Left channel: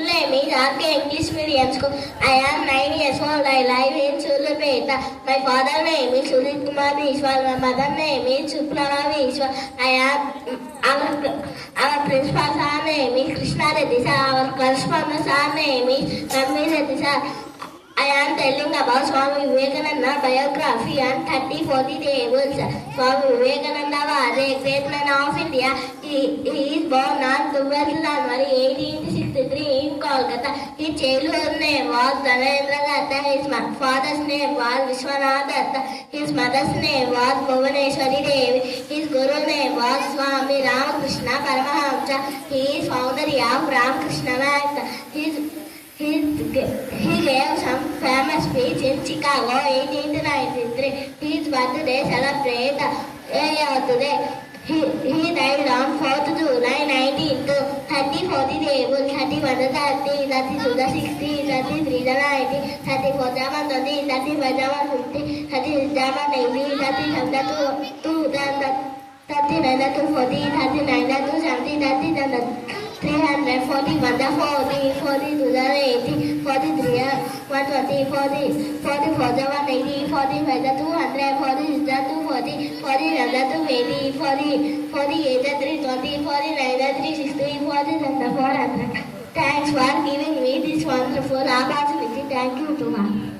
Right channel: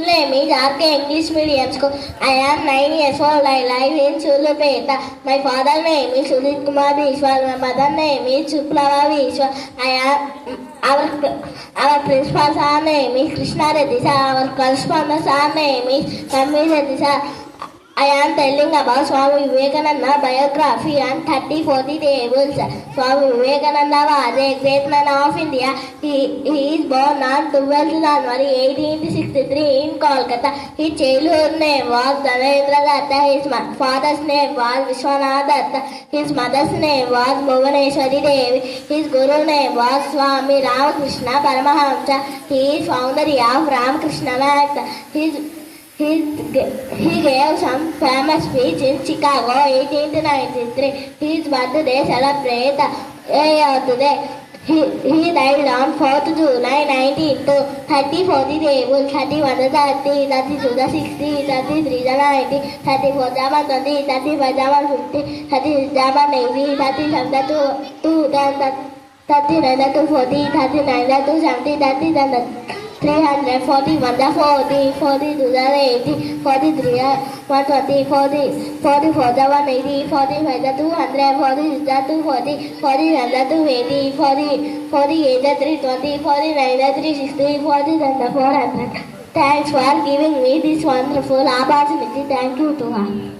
full name is RK English Medium School. I am 9 years old. I live in Sulapeta. My father name is Sudit Kumar Vishwal. My mother name is Suplava Vishwal. Our principal sir name is Krishna Reddy sir. Our correspondent sir name is Tanvi Reddy sir. I am telling about Swami Vivekananda biography and 30-40 tables. Swami Vivekananda was a great man of India. He is born on 12th January 1863 in Kolkata. His childhood name was Dhanendra Datta. His father's name was Vishwanath Datta. His mother's name was Bhuvaneshwari Devi. His guru name was Swami Ramakrishna Paramahamsa. He is founder of Ramakrishna Math. He gave some famous speech in Chicago 1893. His birthday celebrated today. He died on 4th July 1902. 30-40 tables, 31 the 30, 32 the 60, 33 the 90, 34 the 20, 35 the 50, 36 the 90, 37 the 2, 39 the 240, 39 the 270, 30 the 300, 41 the 40, 42 the 80, 43 the 120, 44 the 180, 45 the 200, 46 the 240, 41 the 280, 48 the 320, 49 the 360, 47 the 400. Thanks for giving me this wonderful opportunity. Thank you to her.